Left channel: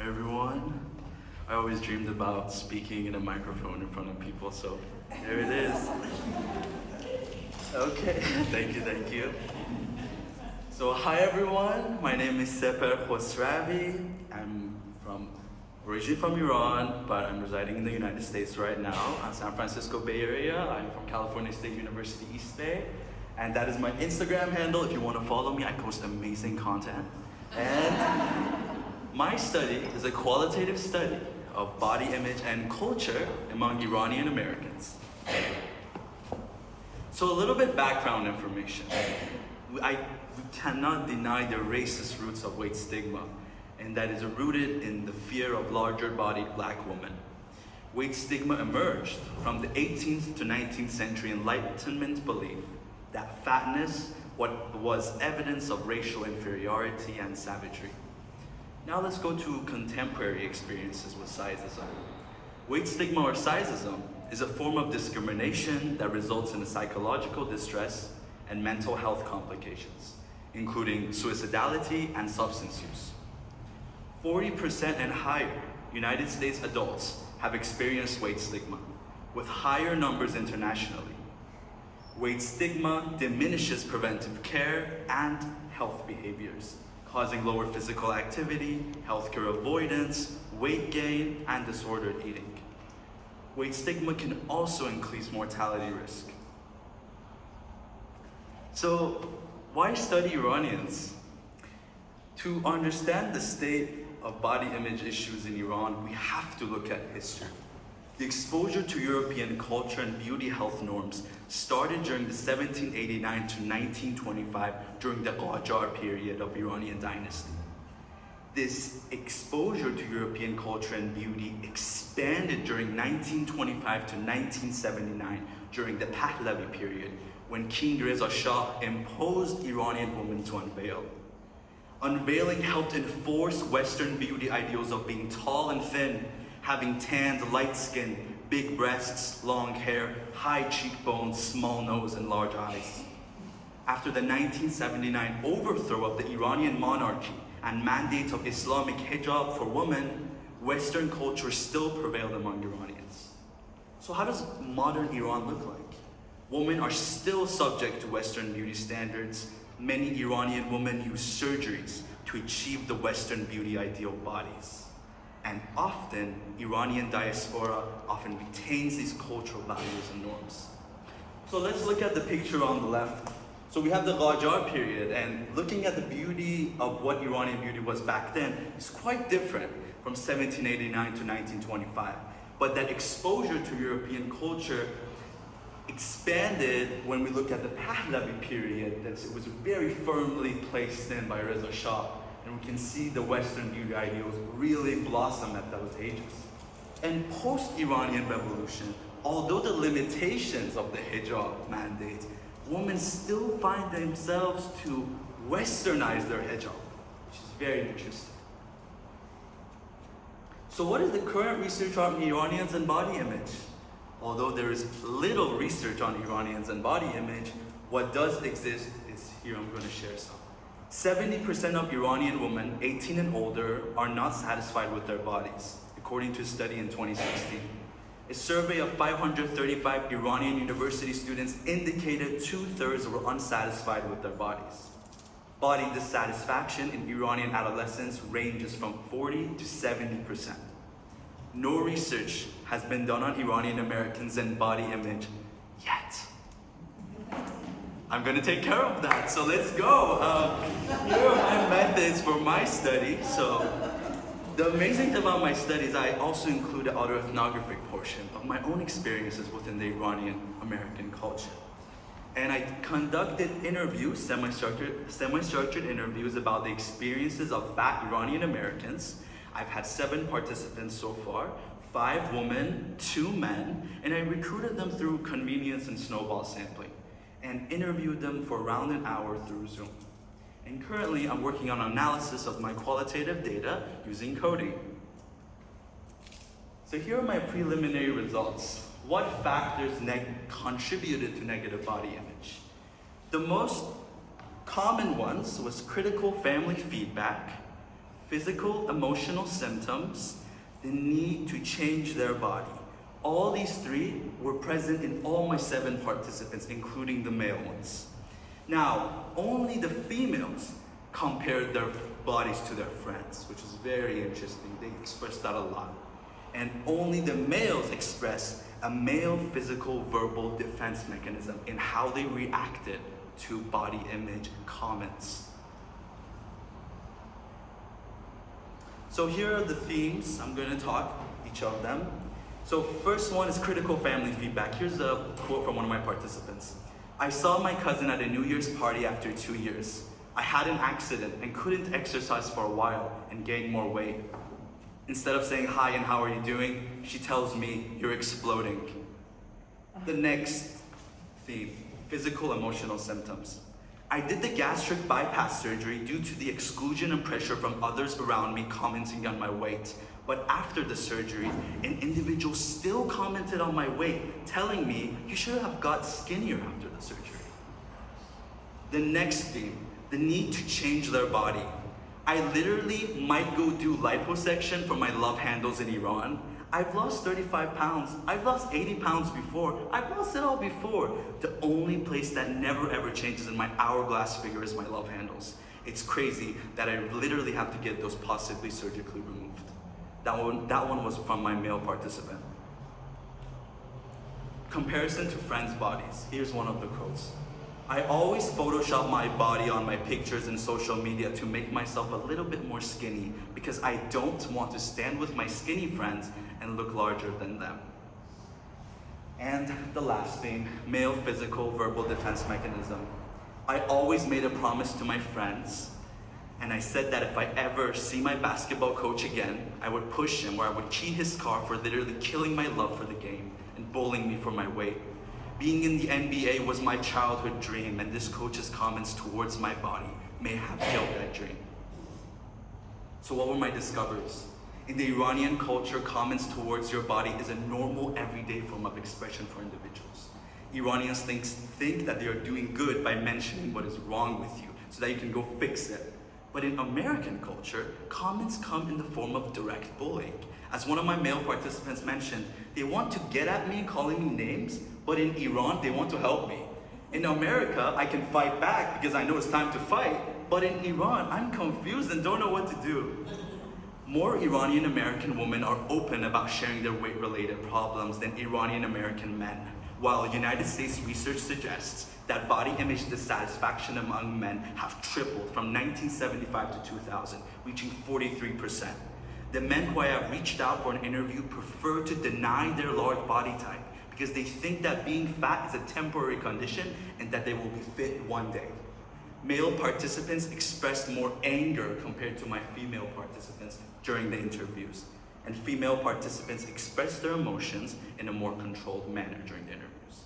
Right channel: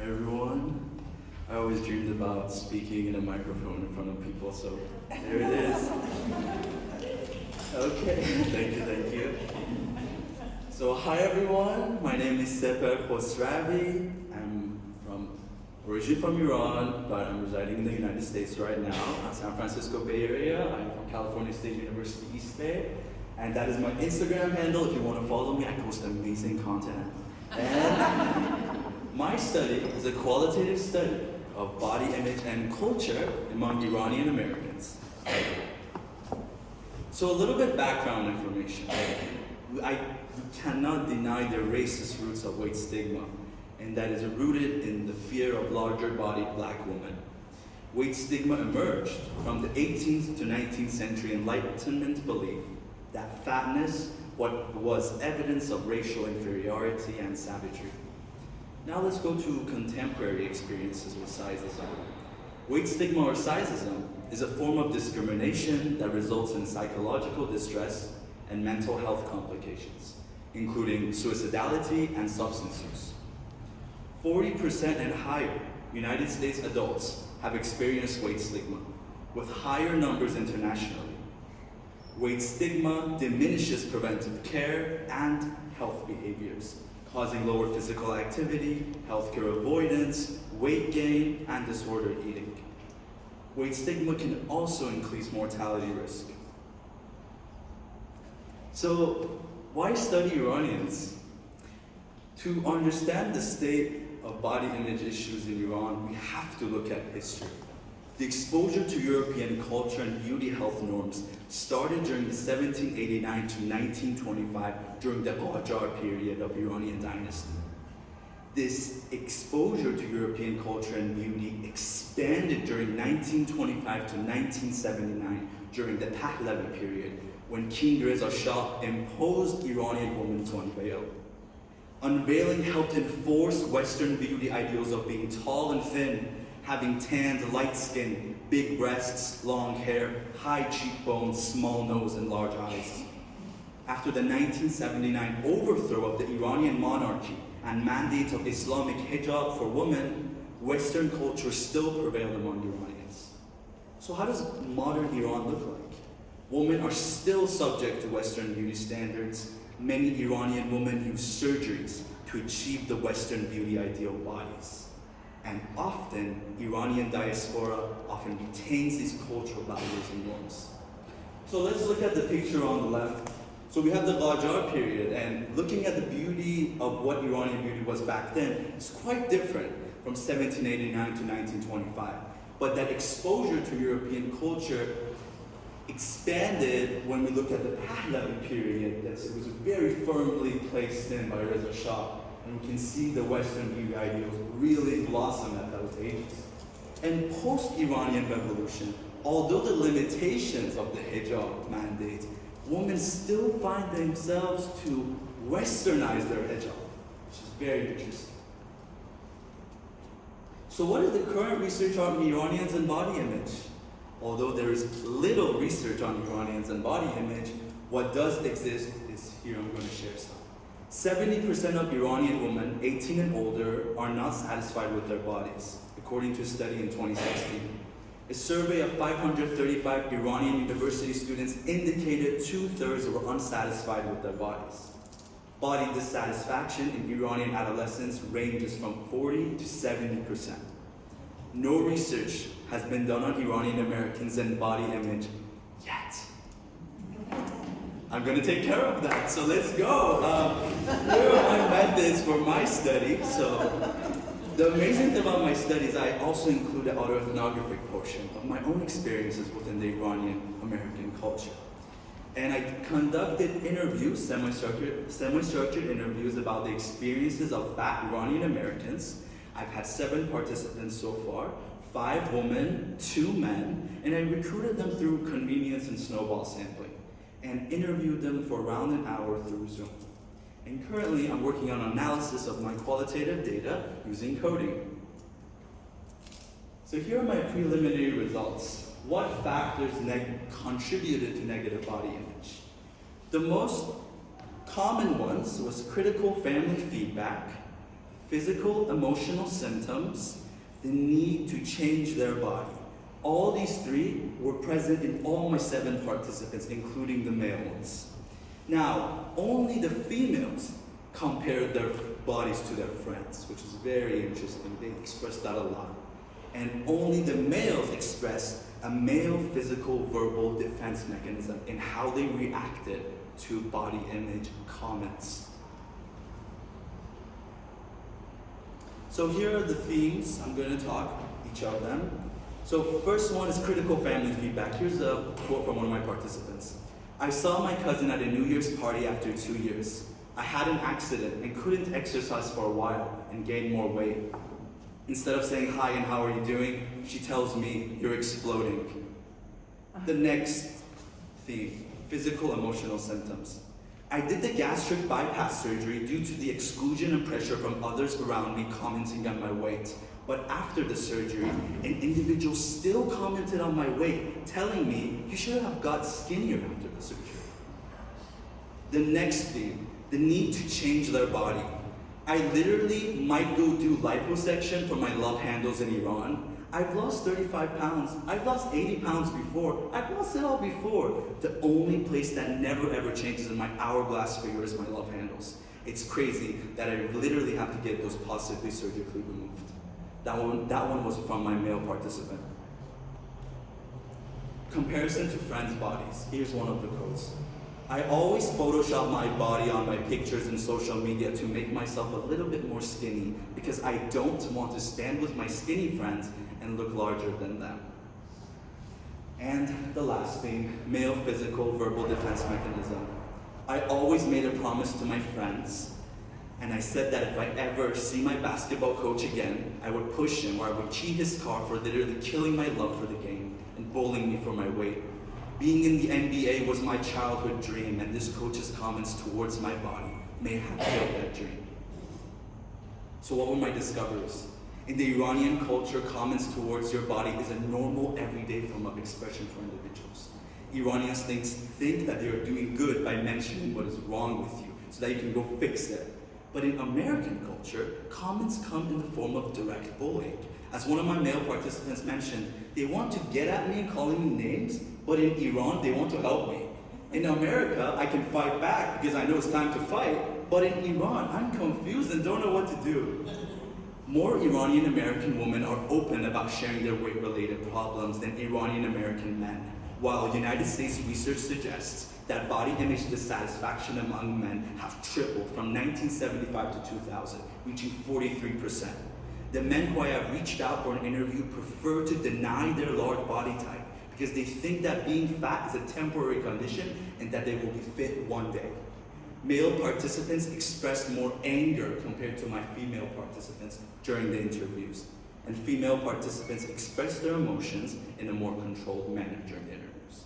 Hi everyone. I always dreamed about speaking in a microphone in front of people, so there it is. Okay, thank you. So hi everyone, my name is Sepehr Khosravi. I'm originally from Iran, but I'm residing in the United States right now, San Francisco Bay Area. I'm from California State University East Bay, and that is my Instagram handle. If you want to follow me, I post amazing content. And my study is a qualitative study of body image and culture among Iranian Americans. So a little bit background information. We cannot deny the racist roots of weight stigma, and that is rooted in the fear of larger-bodied black women. Weight stigma emerged from the 18th to 19th century Enlightenment belief that fatness was evidence of racial inferiority and savagery. Now let's go to contemporary experiences with sizeism. Weight stigma or sizeism is a form of discrimination that results in psychological distress and mental health complications, including suicidality and substance use. 40% and higher United States adults have experienced weight stigma, with higher numbers internationally. Weight stigma diminishes preventive care and health behaviors, causing lower physical activity, healthcare avoidance, weight gain, and disordered eating. Weight stigma can also increase mortality risk. So, why study Iranians? To understand the state of body image issues in Iran, we have to look at history. The exposure to European culture and beauty health norms started during the 1789 to 1925 during the Qajar period of Iranian dynasty. This exposure to European culture and beauty expanded during 1925 to 1979 during the Pahlavi period, when King Reza Shah imposed Iranian women to unveil. Unveiling helped enforce Western beauty ideals of being tall and thin, having tanned, light skin, big breasts, long hair, high cheekbones, small nose, and large eyes. After the 1979 overthrow of the Iranian monarchy and mandate of Islamic hijab for women, Western culture still prevailed among Iranians. So how does modern Iran look like? Women are still subject to Western beauty standards. Many Iranian women use surgeries to achieve the Western beauty ideal bodies. And often, Iranian diaspora often retains these cultural values and norms. So let's look at the picture on the left. So we have the Qajar period, and looking at the beauty of what Iranian beauty was back then is quite different from 1789 to 1925. But that exposure to European culture expanded when we look at the Pahlavi period. That it was very firmly placed in by Reza Shah, and we can see the Western beauty ideals really blossom at those ages. And post-Iranian revolution, although the limitations of the hijab mandate, women still find themselves to westernize their hijab, which is very interesting. So what is the current research on Iranians and body image? Although there is little research on Iranians and body image, what does exist is here. I'm going to share some. 70% of Iranian women 18 and older are not satisfied with their bodies, according to a study in 2016. A survey of 535 Iranian university students indicated 2/3 were unsatisfied with their bodies. Body dissatisfaction in Iranian adolescents ranges from 40 to 70%. No research has been done on Iranian Americans and body image yet. I'm going to take care of that, so let's go. Here are my methods for my study. So the amazing thing about my studies, I also include an autoethnographic portion of my own experiences within the Iranian American culture. And I conducted interviews, semi-structured interviews about the experiences of fat Iranian Americans. I've had 7 participants so far, 5 women, 2 men, and I recruited them through convenience and snowball sampling, and interviewed them for around an hour through Zoom. And currently, I'm working on analysis of my qualitative data using coding. So here are my preliminary results. What factors contributed to negative body image? The most common ones was critical family feedback, physical, emotional symptoms, the need to change their body. All these three were present in all my 7 participants, including the male ones. Now, only the females compared their bodies to their friends, which is very interesting. They expressed that a lot. And only the males expressed a male physical verbal defense mechanism in how they reacted to body image comments. So here are the themes. I'm going to talk each of them. So first one is critical family feedback. Here's a quote from one of my participants. I saw my cousin at a New Year's party after 2 years. I had an accident and couldn't exercise for a while and gained more weight. Instead of saying hi and how are you doing, she tells me, you're exploding. The next theme, physical emotional symptoms. I did the gastric bypass surgery due to the exclusion and pressure from others around me commenting on my weight. But after the surgery, an individual still commented on my weight, telling me you should have got skinnier after the surgery. The next theme, the need to change their body. I literally might go do liposuction for my love handles in Iran. I've lost 35 pounds. I've lost 80 pounds before. I've lost it all before. The only place that never ever changes in my hourglass figure is my love handles. It's crazy that I literally have to get those possibly surgically removed. That one was from my male participant. Comparison to friends' bodies. Here's one of the quotes. I always Photoshop my body on my pictures and social media to make myself a little bit more skinny because I don't want to stand with my skinny friends and look larger than them. And the last thing, male physical verbal defense mechanism. I always made a promise to my friends, and I said that if I ever see my basketball coach again, I would push him or I would key his car for literally killing my love for the game and bullying me for my weight. Being in the NBA was my childhood dream, and this coach's comments towards my body may have killed that dream. So what were my discoveries? In the Iranian culture, comments towards your body is a normal, everyday form of expression for individuals. Iranians think that they are doing good by mentioning what is wrong with you, so that you can go fix it. But in American culture, comments come in the form of direct bullying. As one of my male participants mentioned, they want to get at me calling me names, but in Iran, they want to help me. In America, I can fight back because I know it's time to fight, but in Iran, I'm confused and don't know what to do. More Iranian American women are open about sharing their weight-related problems than Iranian American men, while United States research suggests that body image dissatisfaction among men have tripled from 1975 to 2000, reaching 43%. The men who I have reached out for an interview prefer to deny their large body type because they think that being fat is a temporary condition and that they will be fit one day. Male participants expressed more anger compared to my female participants during the interviews, and female participants expressed their emotions in a more controlled manner during the interviews.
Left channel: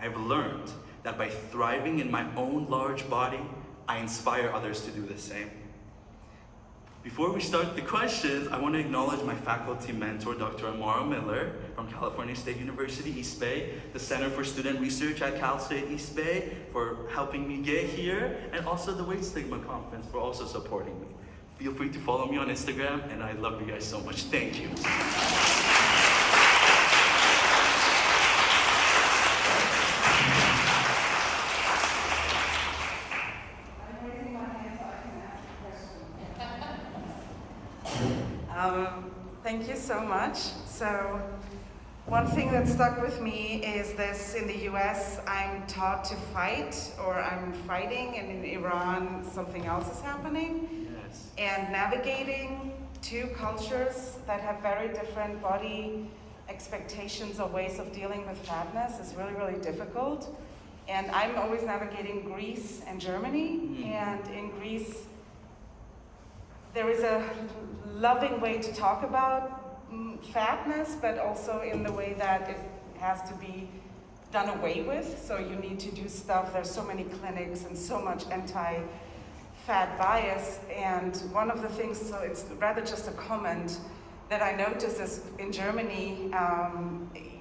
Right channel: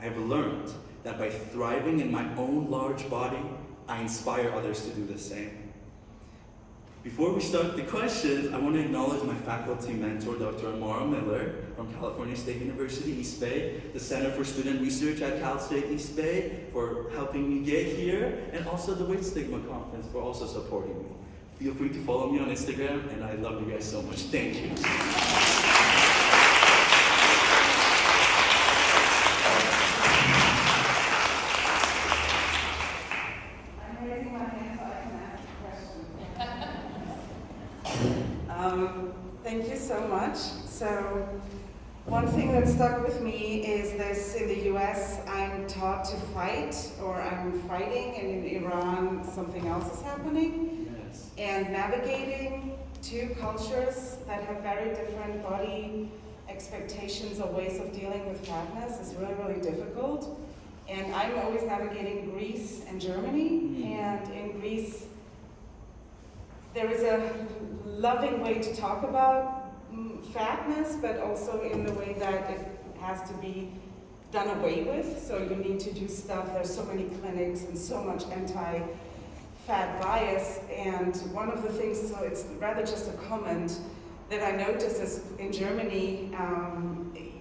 I've learned that by thriving in my own large body, I inspire others to do the same. Before we start the questions, I want to acknowledge my faculty mentor, Dr. Amara Miller from California State University, East Bay, the Center for Student Research at Cal State East Bay for helping me get here, and also the Weight Stigma Conference for also supporting me. Feel free to follow me on Instagram, and I love you guys so much. Thank you. Thank you so much. So, one thing that stuck with me is this: in the US, I'm taught to fight, or I'm fighting, and in Iran, something else is happening. Yes. And navigating two cultures that have very different body expectations or ways of dealing with fatness is really, really difficult. And I'm always navigating Greece and Germany, and in Greece, there is a loving way to talk about fatness, but also in the way that it has to be done away with. So you need to do stuff. There's so many clinics and so much anti-fat bias. And one of the things, so it's rather just a comment that I noticed is in Germany,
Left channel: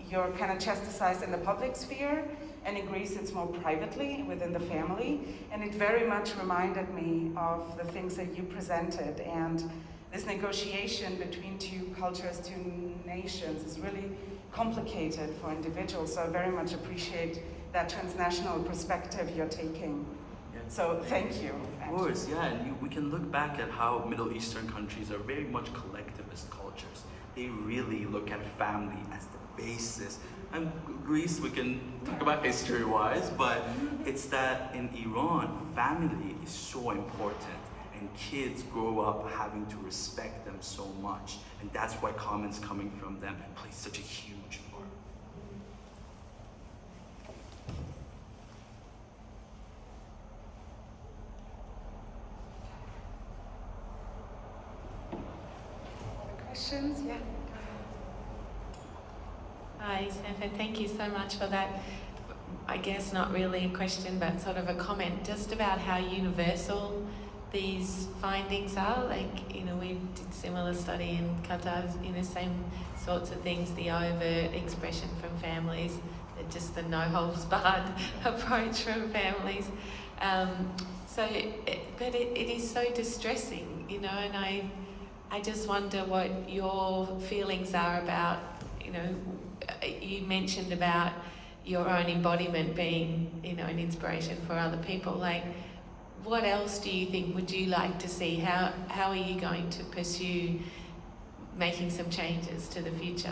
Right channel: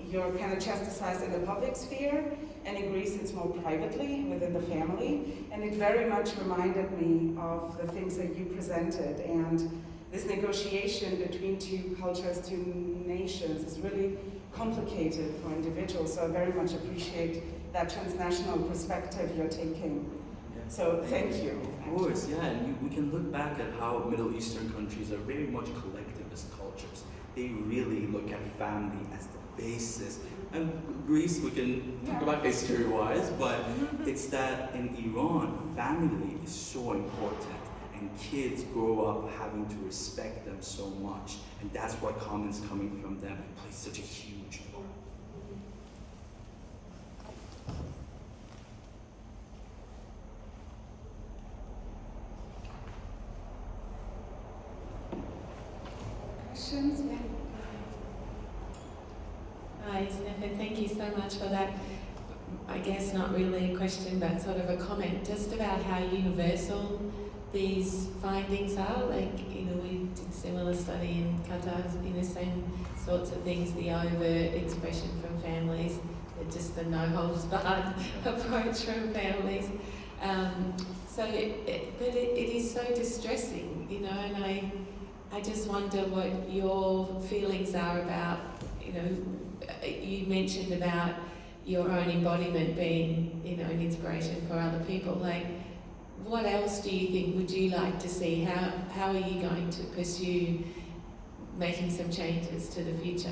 you're kind of chastised in the public sphere, and in Greece it's more privately within the family. And it very much reminded me of the things that you presented. And this negotiation between two cultures, two nations is really complicated for individuals. So I very much appreciate that transnational perspective you're taking. Yeah. So thank you. Of course, yeah, and we can look back at how Middle Eastern countries are very much collectivist cultures. They really look at family as the basis. And Greece, we can talk about history-wise, but it's that in Iran, family is so important. And kids grow up having to respect them so much. And that's why comments coming from them play such a huge part. Questions? Yeah. Hi, Sepehr, thank you so much for that. I guess not really a question, but sort of a comment just about how universal these findings are. Like, you know, we did similar study in Qatar, you know, same sorts of things, the overt expression from families, just the no-holds-barred approach from families. But it is so distressing, you know, and I just wonder what your feelings are about, you know, you mentioned about your own embodiment being, you know, an inspiration for other people. Like, what else do you think would you like to see? How are you going to pursue making some changes to the future?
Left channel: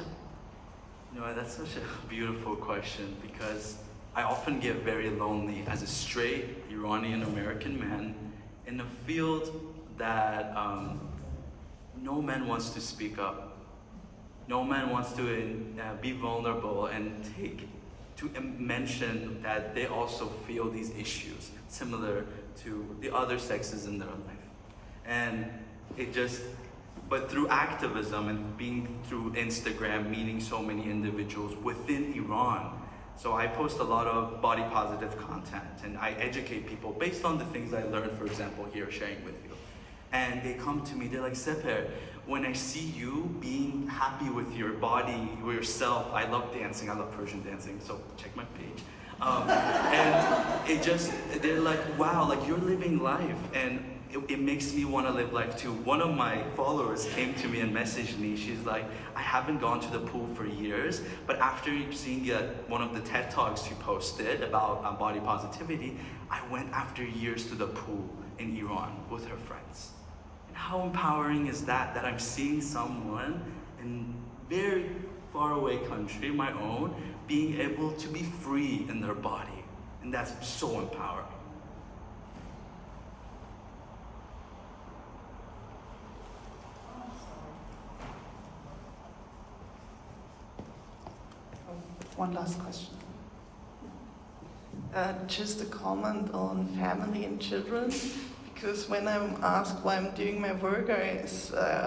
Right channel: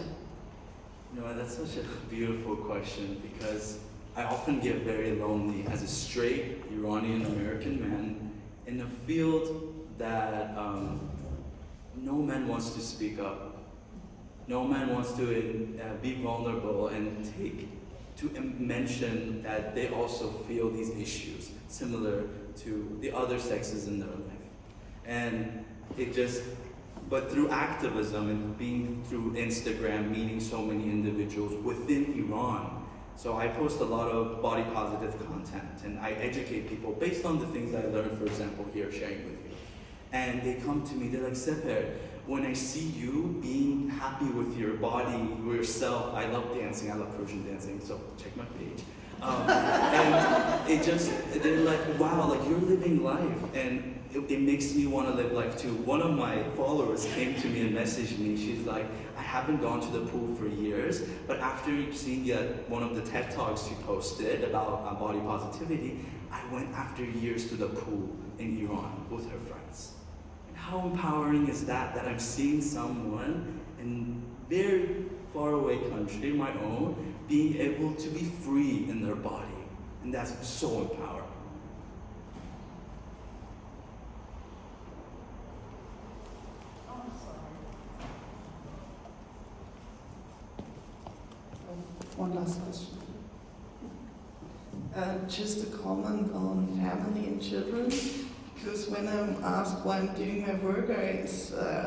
You know, that's such a beautiful question, because I often get very lonely as a straight Iranian American man in a field that no man wants to speak up. No man wants to be vulnerable and mention that they also feel these issues similar to the other sexes in their life. And but through activism and being through Instagram, meeting so many individuals within Iran. So I post a lot of body positive content and I educate people based on the things I learned, for example, here sharing with you. And they come to me, they're like, Sepehr, when I see you being happy with your body, with yourself, I love dancing, I love Persian dancing, so check my page. And they're like, wow, like you're living life, and it makes me want to live life too. One of my followers came to me and messaged me, she's like, I haven't gone to the pool for years, but after seeing one of the TED Talks you posted about body positivity, I went after years to the pool in Iran with her friends. How empowering is that I'm seeing someone in a very far away country, my own, being able to be free in their body. And that's so empowering. One last question. Just a comment on family and children. Because when I'm asked why I'm doing my work, I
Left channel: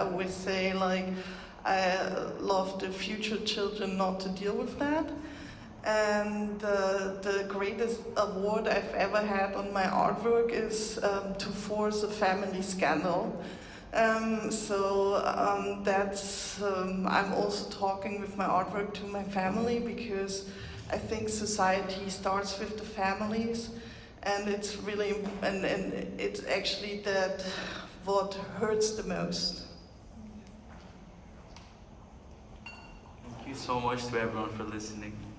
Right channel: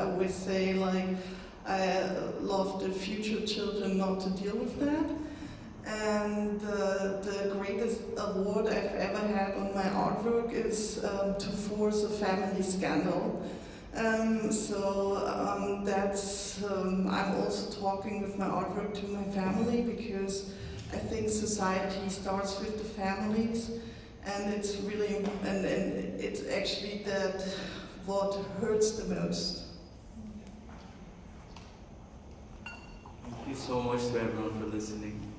always say, like, I love the future children not to deal with that. And the greatest award I've ever had on my artwork is to force a family scandal. I'm also talking with my artwork to my family, because I think society starts with the families. And it's really, and it's actually that what hurts the most. Thank you so much to everyone for listening.